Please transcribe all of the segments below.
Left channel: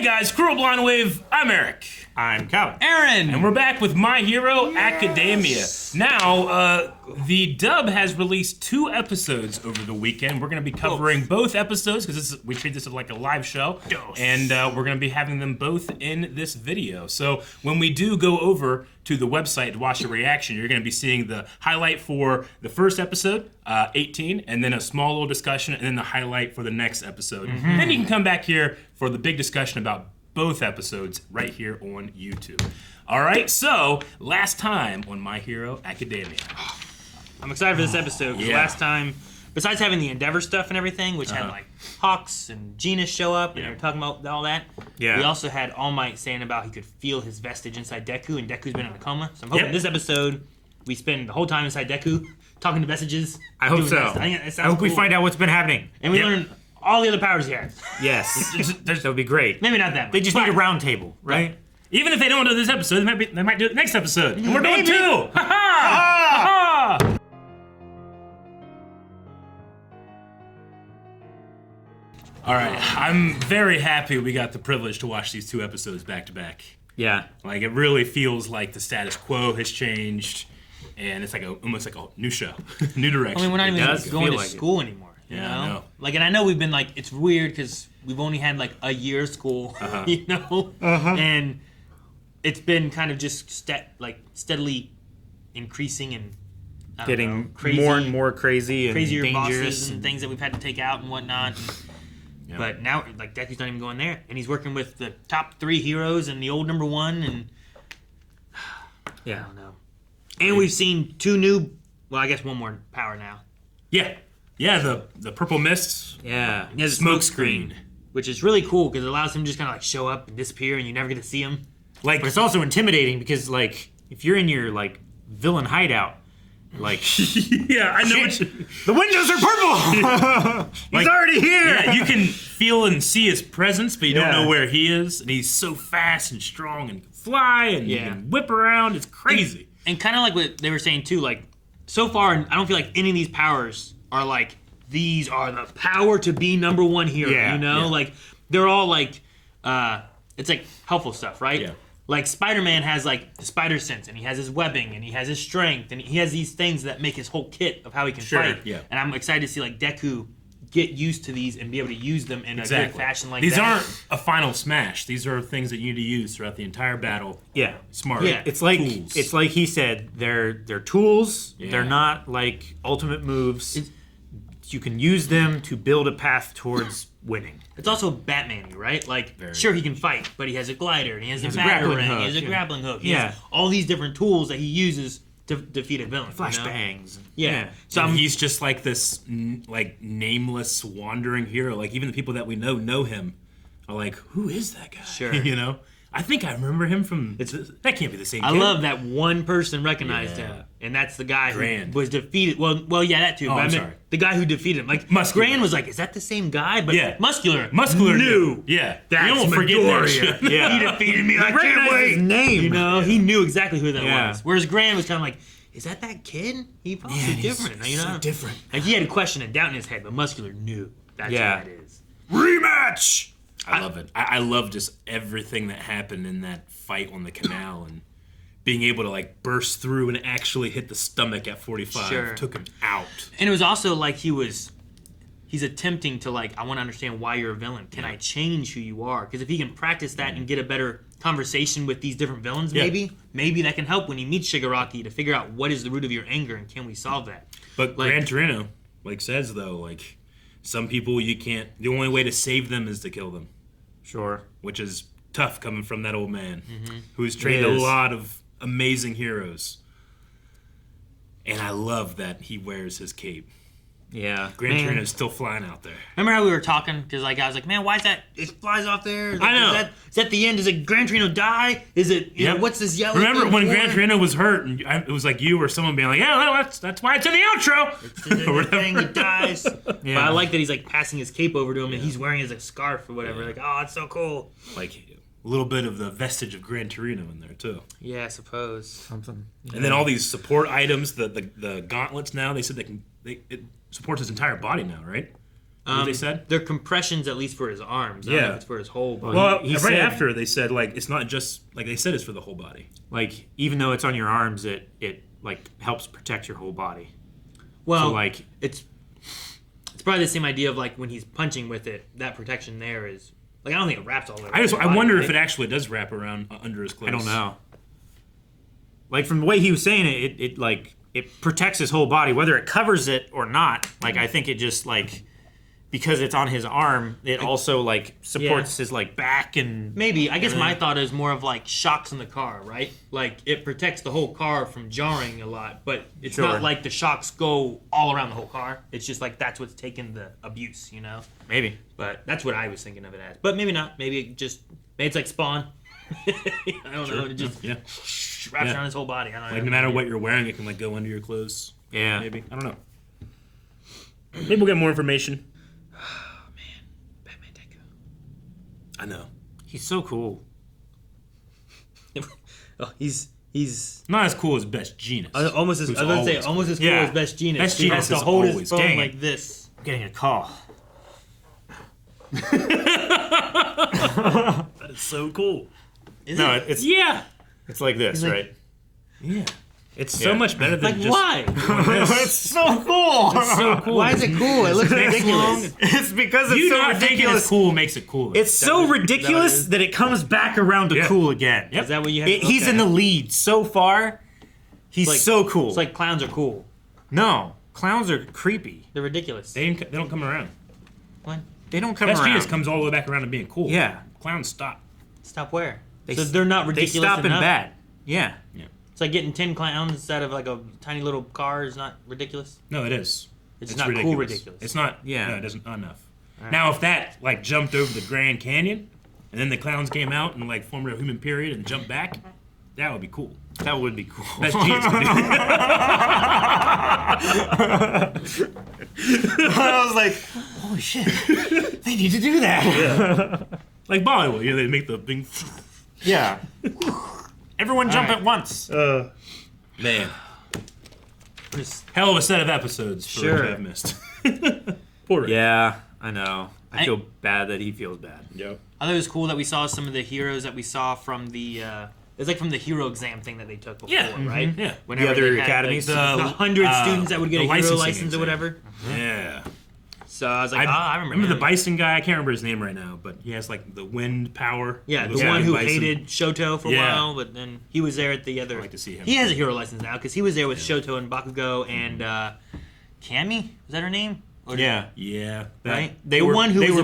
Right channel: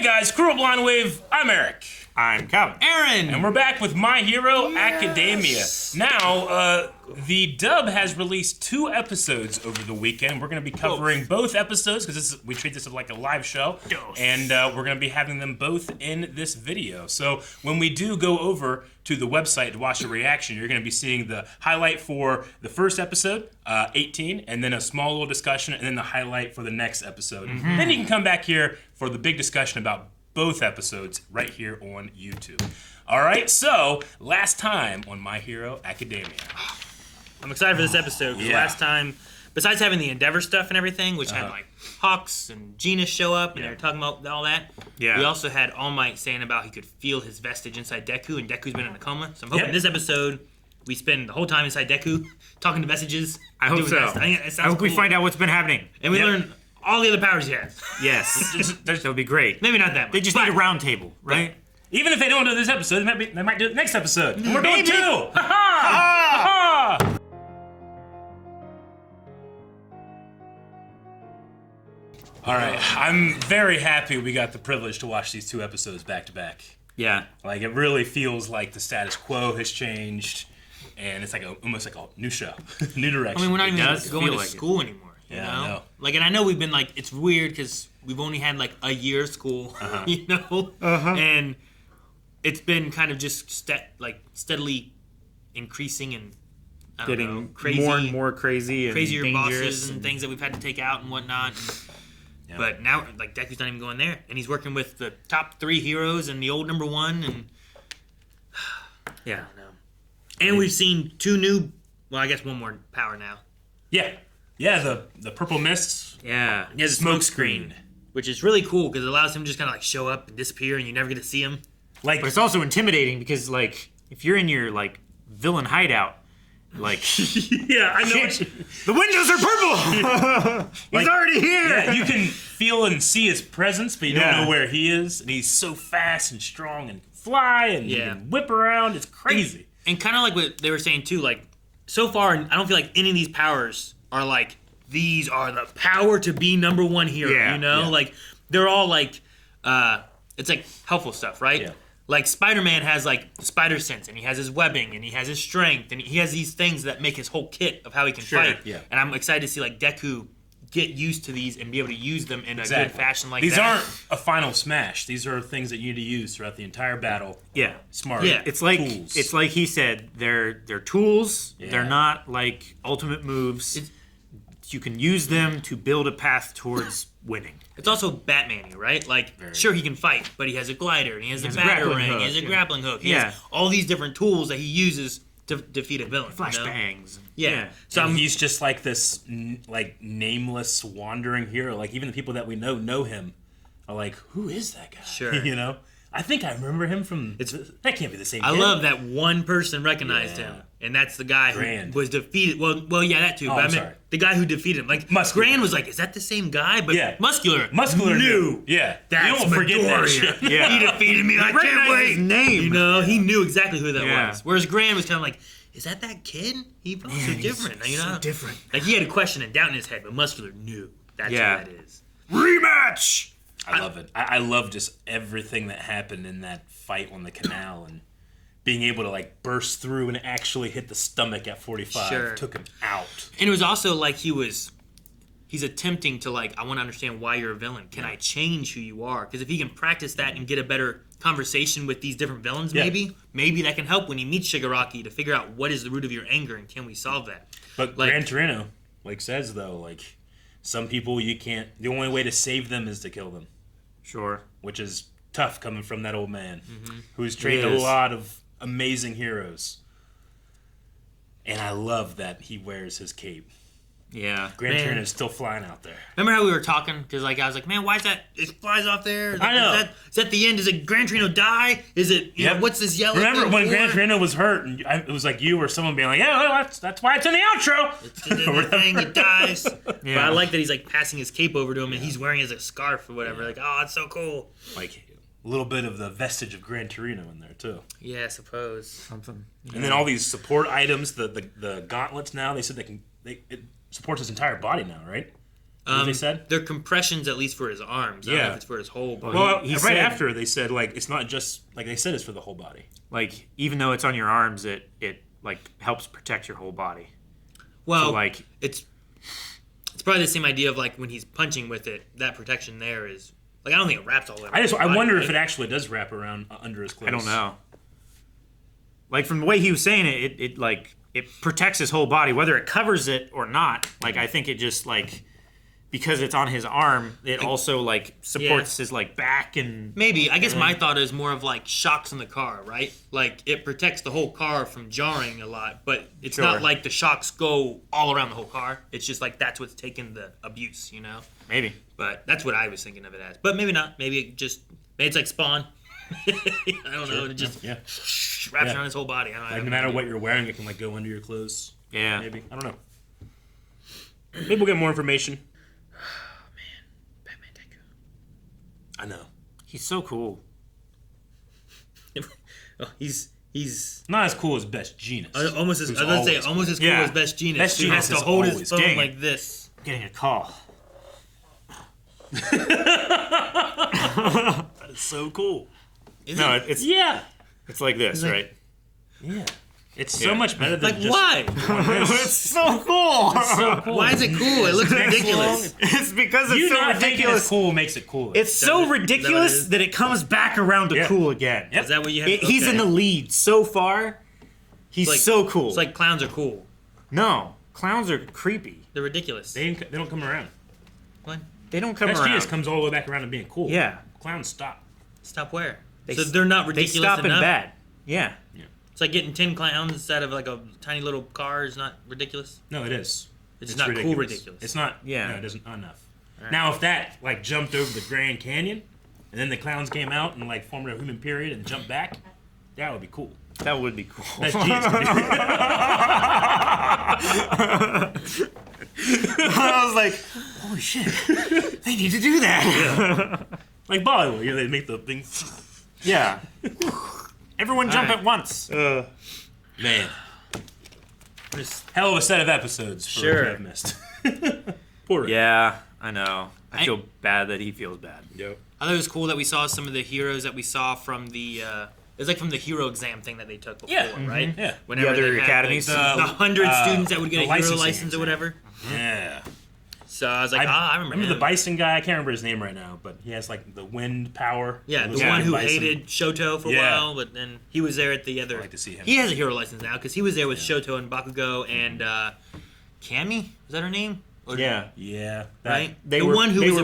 Hey guys, Cruel Blind Wave, I'm Eric. I'm Calvin. Aaron! And we're back with My Hero Academia. Now, the dub has released 2 episodes over the weekend. We're going to be covering both episodes because we treat this as like a live show. And we're going to be having them both in this video. So when we do go over to the website to watch the reaction, you're going to be seeing the highlight for the first episode, 18, and then a small little discussion, and then the highlight for the next episode. Then you can come back here for the big discussion about both episodes right here on YouTube. All right, so last time on My Hero Academia. I'm excited for this episode because last time, besides having the Endeavor stuff and everything, which had like Hawks and Gina show up and they were talking about all that, we also had All Might saying about he could feel his vestige inside Deku, and Deku's been in a coma. So I'm hoping this episode we spend the whole time inside Deku talking to vestiges. I hope so. I hope we find out what's been happening. And we learn all the other powers he has. Yes. That would be great. Maybe not that much. They just need a round table, right? Even if they don't do this episode, they might do it next episode. And we're doing 2. Ha ha! Ha! All right, I'm very happy we got the privilege to watch these 2 episodes back to back. Yeah. Like, it really feels like the status quo has changed, and it's like almost like a new show, new direction. I mean, we're not even going to school anymore. You know? I know. Like, and I know we've been like, it's weird because we've only had like a year of school, you know? And it's been kind of just steadily increasing and getting crazy, more and more crazy and crazier dangerous bosses and things that we've had to take out and whatnot. But now, like, Deku's not even going there, and he's working with the top 3 heroes and the old number 1, and I don't know. And we've seen 2 new, well, I guess 1 more power now. Yeah, the purple mists. Yeah. He has a Smoke screen. which is really cool because it allows him to just kind of like show up and disappear, and you never get to see him. Like, but it's also intimidating because, like, if you're in your, like, villain hideout, like... yeah, I know. The windows are purple! He's already here! Yeah, you can feel and see his presence, but you don't know where he is. And he's so fast and strong and fly and he can whip around. It's crazy. And kind of like what they were saying, too, like, so far, I don't feel like any of these powers are like, these are the power to be number 1 hero, you know? Like, they're all like, it's like helpful stuff, right? Yeah. Like, Spider-Man has, like, the spider sense, and he has his webbing, and he has his strength, and he has these things that make his whole kit of how he can fight. Yeah. And I'm excited to see, like, Deku get used to these and be able to use them in a good fashion like these that. These aren't a final smash. These are things that you need to use throughout the entire battle. Yeah. Smart. Yeah. It's like tools. It's like he said, they're tools. They're not like ultimate moves. You can use them to build a path towards winning. It's also Batman-y, right? Like, sure, he can fight, but he has a glider, and he has a grappling batarang, hook, he has a grappling hook. He has all these different tools that he uses to defeat a villain. Flashbangs. Yeah. So he's just like this, like, nameless, wandering hero. Like, even the people that we know him are like, who is that guy? Sure. You know? I think I remember him from... that can't be the same kid. I love that one person recognized him, and that's the guy Grand. who was defeated. Well, yeah, that too. Oh, but I I'm meant sorry. the guy who defeated him. Like, Muscular. Grand was like, is that the same guy? But Muscular knew. Yeah. That's you don't forget that Midoriya. shit. Yeah. He defeated me. I Recognized can't wait. his name. You know, he knew exactly who that Yeah. was. Whereas Grand was kind of like, is that kid? He's different. You know? So different. Like, he had a question and doubt in his head, but Muscular knew that's who that is. Rematch! I love it. I love just everything that happened in that fight on the canal and being able to, like, burst through and actually hit the stomach at 45 took him out. And it was also like he's attempting to, like, I want to understand why you're a villain. Can I change who you are? Because if he can practice that and get a better conversation with these different villains, maybe that can help when he meets Shigaraki to figure out what is the root of your anger and can we solve that. But like, Gran Torino, like, says, though, like, some people you can't, the only way to save them is to kill them. Sure. Which is tough coming from that old man who's trained a lot of amazing heroes. And I love that he wears his cape. Yeah. Gran Torino's still flying out there. Remember how we were talking? Because, like, I was like, man, why is that? It flies off there. I know. Is that the end? Does it Gran Torino die? Is it, you know, what's this yellow Remember thing when for? Gran Torino was hurt and it was like you or someone being like, yeah, well, that's why it's in the outro. It's the thing, he dies. Yeah. But I like that he's, like, passing his cape over to him and he's wearing it as a scarf or whatever. Like, oh, that's so cool. Like, a little bit of the vestige of Gran Torino in there, too. Yeah, I suppose. Something. Yeah. And then all these support items, the gauntlets now, they said it supports his entire body now, right? They said they're compressions at least for his arms. I don't know if it's for his whole body. Well, he right said, after they said like it's not just like they said it's for the whole body. Like even though it's on your arms, it like helps protect your whole body. Well, so, like it's probably the same idea of like when he's punching with it. That protection there is like I don't think it wraps all the way. I wonder if it actually does wrap around under his clothes. I don't know. Like from the way he was saying it, it protects his whole body, whether it covers it or not. Like I think it just like because it's on his arm, it also like supports his like back and maybe. I guess my thought is more of like shocks in the car, right? Like it protects the whole car from jarring a lot, but it's not like the shocks go all around the whole car. It's just like that's what's taking the abuse, you know? Maybe. But that's what I was thinking of it as. But maybe not. Maybe it's like Spawn. I don't know. It just wraps around his whole body. I don't know. Like no matter what you're wearing, it can like go under your clothes. Yeah. Maybe. I don't know. Maybe we'll get more information. I know. He's so cool. He's not as cool as Best Jeanist. Almost as cool as Best Jeanist. Best He has Jeanist to is hold his always phone like this. Getting a call. That's so cool. It's It's like this, right? Yeah. It's so much better than just... Why? It's so cool. Why is it cool? It looks ridiculous. It's because it's so ridiculous. It's cool makes it cool. It's so ridiculous that it comes back around to cool again. Yep. Is that what you have? He's in the lead so far. He's so cool. It's like clowns are cool. No, clowns are creepy. They're ridiculous. They don't come around. What? They don't come Best around. Jeanist comes all the way back around to being cool. Yeah. Clowns stop. Stop where? So they're not ridiculous. They stop in enough? bad. Yeah. It's like getting 10 clowns instead of like a tiny little car is not ridiculous. No, it is. It's not ridiculous. Cool ridiculous. It's not. Yeah. No, it isn't enough. Right. Now, if that like jumped over the Grand Canyon, and then the clowns came out and like formed a human period and jumped back, that would be cool. That would be cool. Best Jeanist. I was like, holy shit, they need to do that. Yeah. Like Bollywood, they make the thing. Yeah. Everyone jump at once. Man. Hell of a set of episodes for what I've missed. Poor Yeah, I know. I feel bad that he feels bad. Yeah. I thought it was cool that we saw some of the heroes that we saw from the it was like from the hero exam thing that they took before, right? Yeah. Whenever the other they had, academies? Like, the 100 students that would get a hero license or whatever. Yeah. So I was like, I remember the Bison guy. I can't remember his name right now, but he has like the wind power. Yeah, the one who hated Shoto for a while, but then he was there at the other. I'd like to see him. He has a hero license now because he was there with Shoto and Bakugo and Cammy. Is that her name? Or yeah. Yeah. Right. They were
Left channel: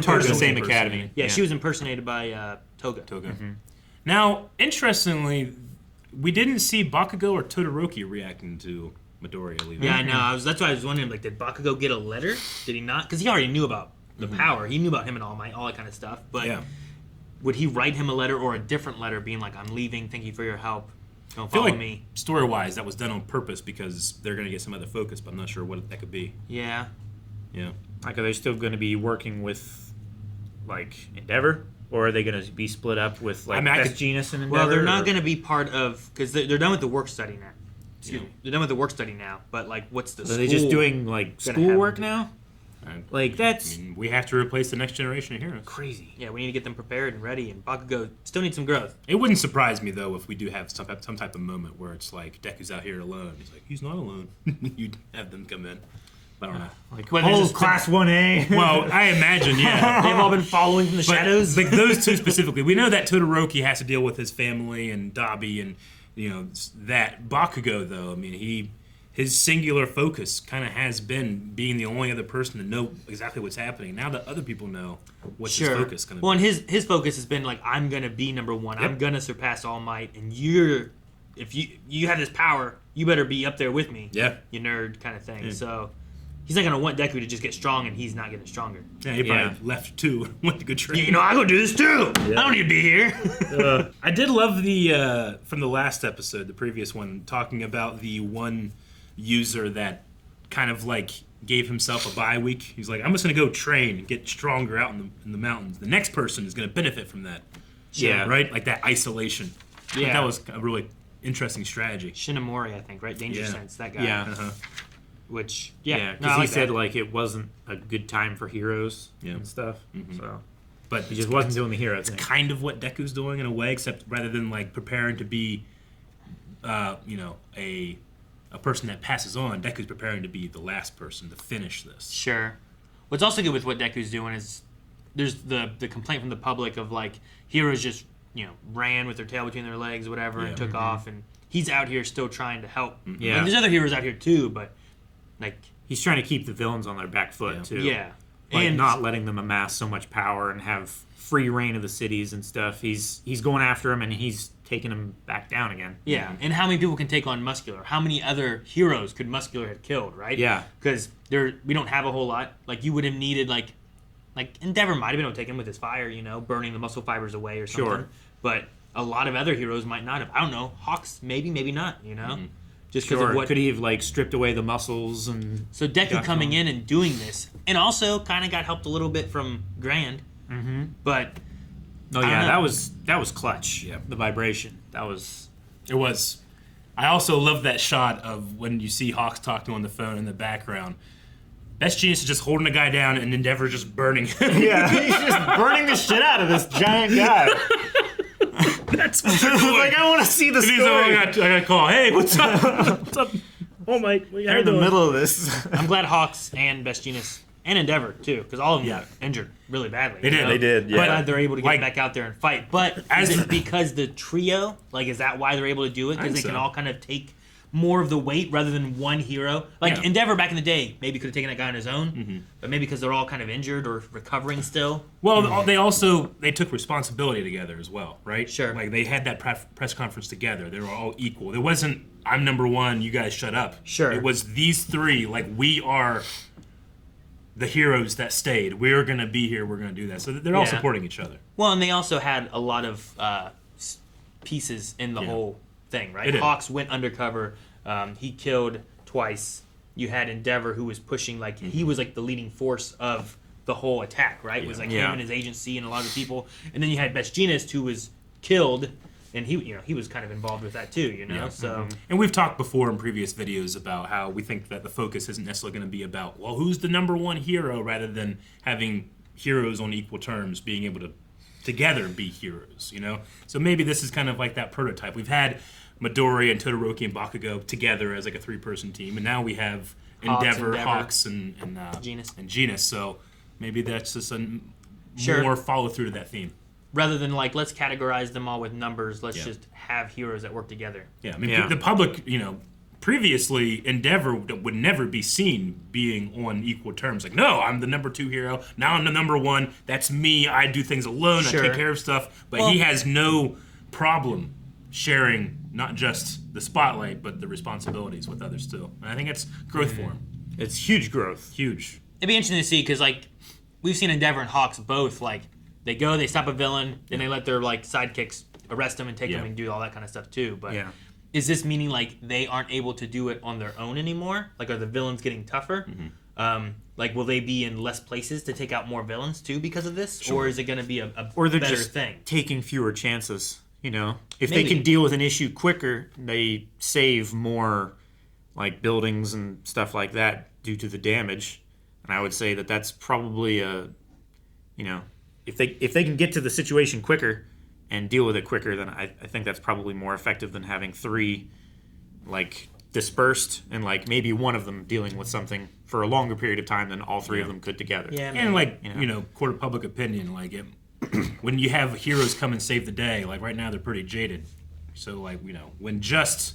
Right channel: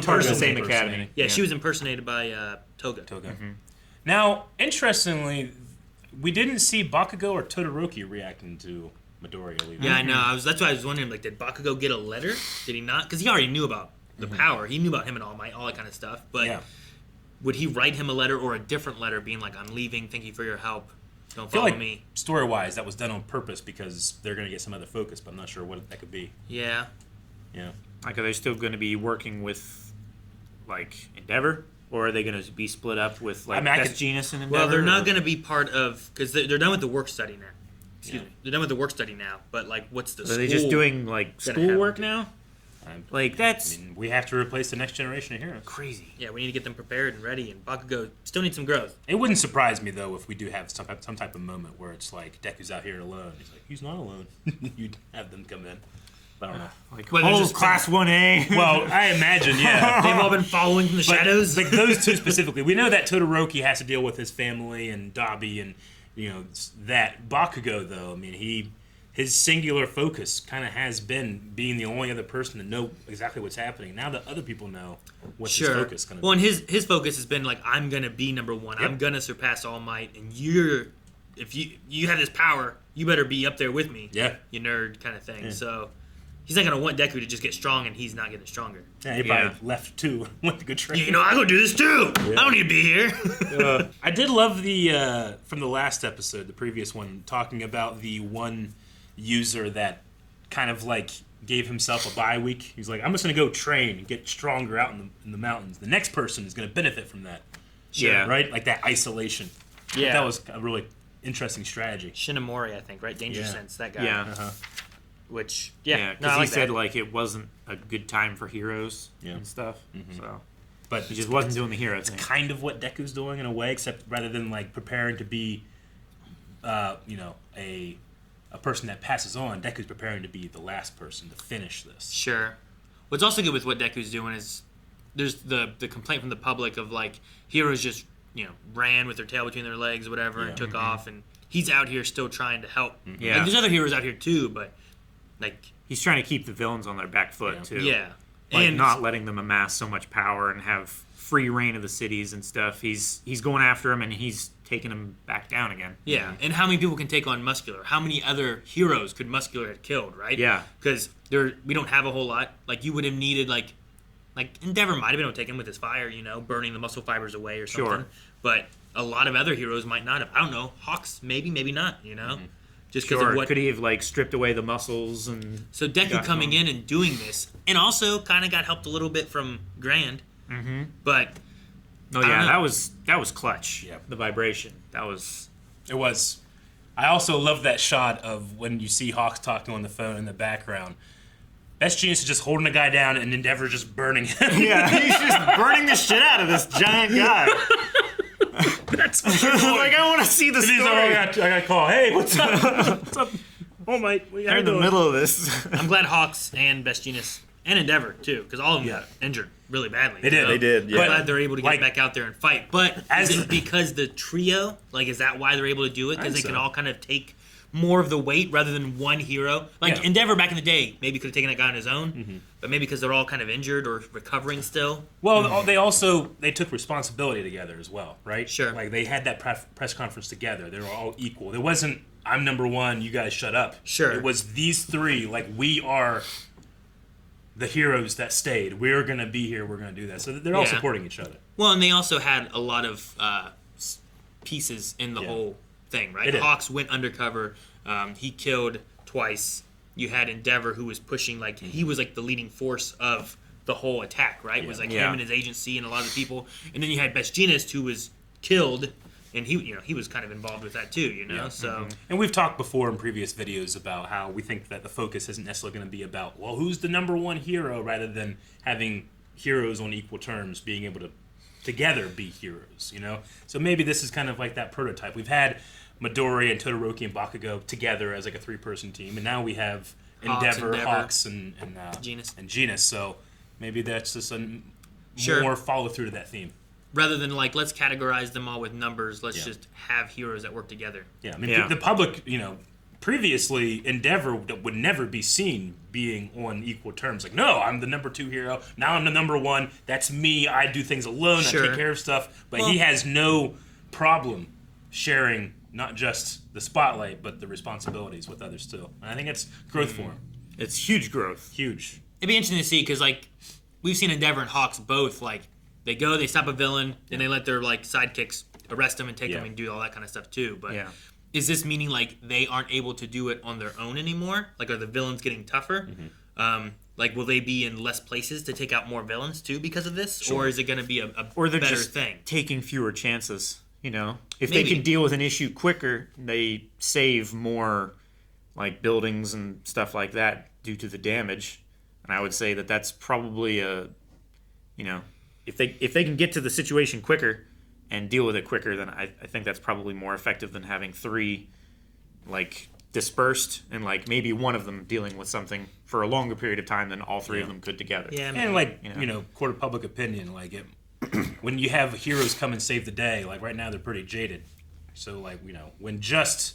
part of the same academy. Yeah, she was impersonated by Toga. Mm-hmm. Now, interestingly, we didn't see Bakugo or Todoroki reacting to Midoriya leaving. Yeah, I know. That's why I was wondering, like, did Bakugo get a letter? Did he not? Because he already knew about the power. He knew about him and All Might, all that kind of stuff. But would he write him a letter or a different letter being like, I'm leaving, thank you for your help, don't follow me? Story-wise, that was done on purpose because they're going to get some other focus, but I'm not sure what that could be. Yeah. Yeah. Like, are they still going to be working with, like, Endeavor? Or are they going to be split up with, like, Best Jeanist and Endeavor? Well, they're not going to be part of... Because they're done with the work study now. They're done with the work study now, but, like, what's the Are they just doing, like, schoolwork now? Like, that's... I mean, we have to replace the next generation of heroes. Crazy. Yeah, we need to get them prepared and ready, and Bakugo still needs some growth. It wouldn't surprise me, though, if we do have some type of moment where it's like, Deku's out here alone. He's like, he's not alone. You'd have them come in. I don't know. Like, Class 1A. Well, I imagine, yeah. They've all been following from the shadows. Like, those two specifically. We know that Todoroki has to deal with his family and Dabi and, you know, that. Bakugo, though, I mean, his singular focus kind of has been being the only other person to know exactly what's happening. Now that other people know what's his focus going to be. Well, and his focus has been like, I'm going to be number one. Yep. I'm going to surpass All Might. And if you have this power, you better be up there with me. Yeah. You nerd kind of thing. Yeah. So he's not going to want Deku to just get strong, and he's not getting stronger. Yeah, he probably left too. Went to go train. You know, I go do this too. Yeah. I don't need to be here. I did love the from the last episode, the previous one, talking about the one user that kind of like gave himself a bye week. He's like, I'm just gonna go train, get stronger out in the mountains. The next person is gonna benefit from that. Yeah. Right? Like that isolation. Yeah. That was a really interesting strategy. Shinomori, I think, right? Danger Sense, that guy. Yeah. Which because he said like it wasn't a good time for heroes and stuff. So, but he just wasn't doing the hero thing. It's kind of what Deku's doing in a way, except rather than like preparing to be, a person that passes on, Deku's preparing to be the last person to finish this. Sure. What's also good with what Deku's doing is there's the complaint from the public of like heroes just ran with their tail between their legs or whatever and took off, and he's out here still trying to help. Yeah, and there's other heroes out here too, but like he's trying to keep the villains on their back foot too. Yeah, like not letting them amass so much power and have free reign of the cities and stuff. He's going after them and he's taking them back down again. Yeah, and how many people can take on Muscular? How many other heroes could Muscular have killed? Right? Yeah, because we don't have a whole lot. Like you would have needed like Endeavor might have been able to take him with his fire, burning the muscle fibers away or something. Sure. But a lot of other heroes might not have. I don't know. Hawks, maybe not, Just because sure. of what... Could he have, like, stripped away the muscles and... So Deku coming in and doing this, and also kind of got helped a little bit from Grand. Mm-hmm. But... Oh, yeah, that was clutch. Yep. The vibration. That was... It was. I also love that shot of when you see Hawks talking on the phone in the background. Best Genius is just holding a guy down and Endeavor just burning him. Yeah, he's just burning the shit out of this giant guy. That's like, I want to see the story. I gotta call. Hey, what's up? What's up? Oh my! They're in the middle of this. I'm glad Hawks and Best Genius and Endeavor too, because all of them got injured really badly. They did. They did. Yeah. But glad they're able to get back out there and fight. But is it because the trio? Like, is that why they're able to do it? Because they can all kind of take more of the weight rather than one hero. Like Endeavor back in the day, maybe could have taken that guy on his own, but maybe because they're all kind of injured or recovering still. Well, they took responsibility together as well, right? Sure. Like they had that press conference together. They were all equal. It wasn't I'm number one, you guys shut up. Sure. It was these three. Like we are the heroes that stayed. We're gonna be here. We're gonna do that. So they're all supporting each other. Well, and they also had a lot of pieces in the whole thing, right? Hawks went undercover. He killed twice. You had Endeavor, who was pushing, like he was like the leading force of the whole attack, right? It was like him and his agency and a lot of the people. And then you had Best Genius, who was killed, and he was kind of involved with that too, So and we've talked before in previous videos about how we think that the focus isn't necessarily going to be about who's the number one hero, rather than having heroes on equal terms being able to together be heroes, So maybe this is kind of like that prototype. We've had Midoriya and Todoroki and Bakugo together as like a 3-person team, and now we have Endeavor, Hawks, and Genus. So maybe that's just a more follow through to that theme. Rather than like let's categorize them all with numbers, let's just have heroes that work together. Yeah, I mean the public, previously Endeavor would never be seen being on equal terms. Like, no, I'm the number 2 hero. Now I'm the number 1. That's me. I do things alone. Sure. I take care of stuff. But he has no problem sharing not just the spotlight, but the responsibilities with others too. And I think it's growth for him. It's huge growth. Huge. It'd be interesting to see because like we've seen Endeavor and Hawks both like they go, they stop a villain, and they let their like sidekicks arrest them and take them and do all that kind of stuff too. But is this meaning like they aren't able to do it on their own anymore? Like, are the villains getting tougher? Like, will they be in less places to take out more villains too because of this, or is it going to be a or they're better just thing? Taking fewer chances? If they can deal with an issue quicker, they save more, like buildings and stuff like that due to the damage. And I would say that that's probably if they can get to the situation quicker and deal with it quicker, then I think that's probably more effective than having 3 like dispersed and like maybe one of them dealing with something for a longer period of time than all 3 of them could together. Yeah, and like court of public opinion, like when you have heroes come and save the day, like right now they're pretty jaded. So like when just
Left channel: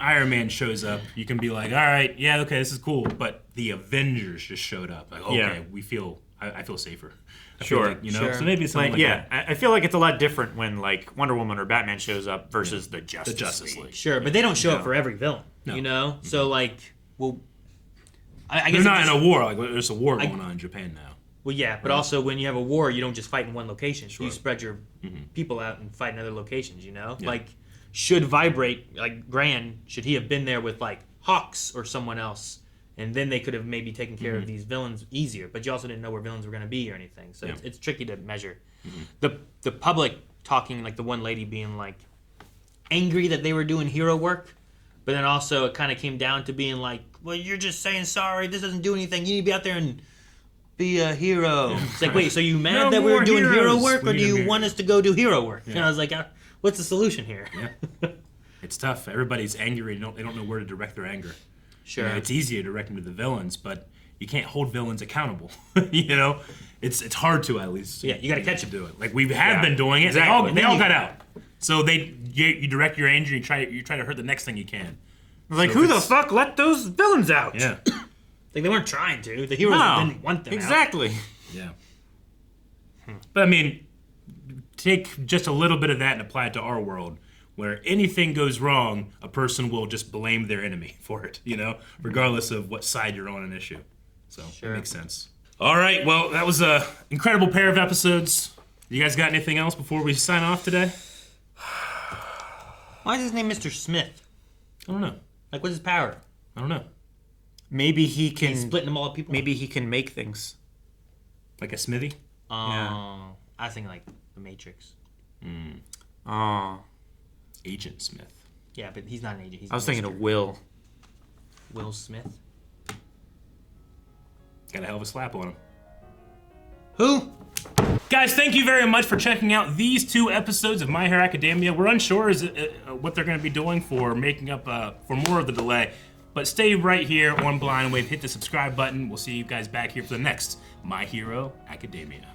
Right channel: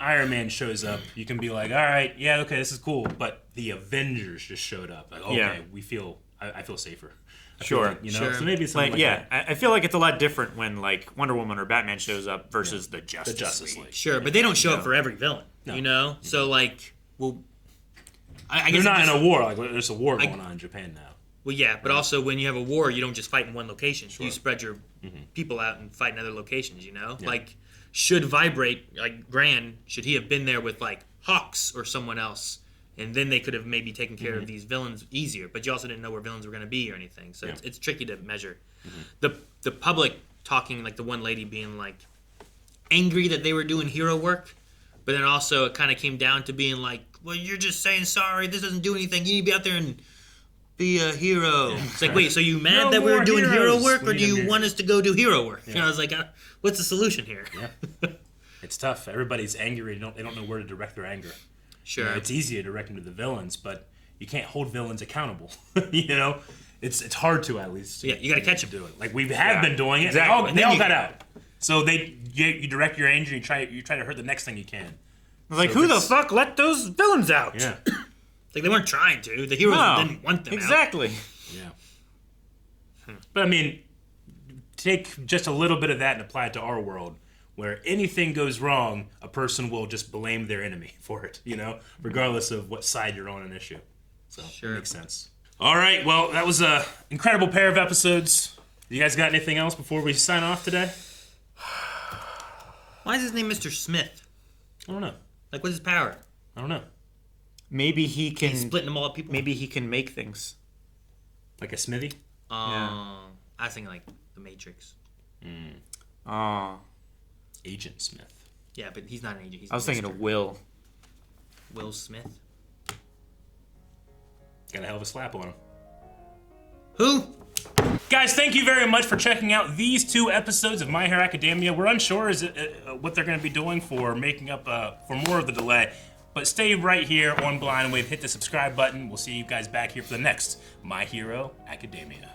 Iron Man shows up, you can be like, all right, yeah, okay, this is cool. But the Avengers just showed up, like okay, I feel safer. Sure. So maybe it's something like that. I feel like it's a lot different when like Wonder Woman or Batman shows up versus the Justice League. Sure, but they don't show up for every villain. No. So like, well, I guess they're not in a war. Like there's a war going on in Japan now. Well, yeah, but also when you have a war, you don't just fight in one location. Sure. You spread your people out and fight in other locations. Yeah. Like, should Vibrate like Grand? Should he have been there with like Hawks or someone else? And then they could have maybe taken care of these villains easier, but you also didn't know where villains were going to be or anything. So it's tricky to measure. The public talking, like the one lady being like angry that they were doing hero work, but then also it kind of came down to being like well, you're just saying sorry. This doesn't do anything. You need to be out there and be a hero. It's like, wait, so you mad that we're doing hero work, or do you want us to go do hero work? Yeah. And I was like, what's the solution here? Yeah. It's tough. Everybody's angry. They don't know where to direct their anger. Sure. It's easy to direct them to the villains, but you can't hold villains accountable. It's hard to, at least. Yeah, you got to catch them. Do it. Like we have been doing it. Exactly. They all got out. So you direct your anger. You try to hurt the next thing you can. Like, who the fuck let those villains out? Yeah. Like, they weren't trying to. The heroes didn't want them exactly. out. Yeah. But I mean, take just a little bit of that and apply it to our world, where anything goes wrong, a person will just blame their enemy for it, regardless of what side you're on an issue. So It makes sense. All right, well, that was an incredible pair of episodes. You guys got anything else before we sign off today? Why is his name Mr. Smith? I don't know. Like, what's his power? I don't know. Maybe he can... He's splitting them all up people? Maybe he can make things. Like a smithy? I was thinking like the Matrix. Agent Smith. Yeah, but he's not an agent. I was thinking of Will. Will Smith? Got a hell of a slap on him. Who? Guys, thank you very much for checking out these 2 episodes of My Hero Academia. We're unsure what they're going to be doing for making up for more of the delay. But stay right here on Blind Wave. Hit the subscribe button. We'll see you guys back here for the next My Hero Academia.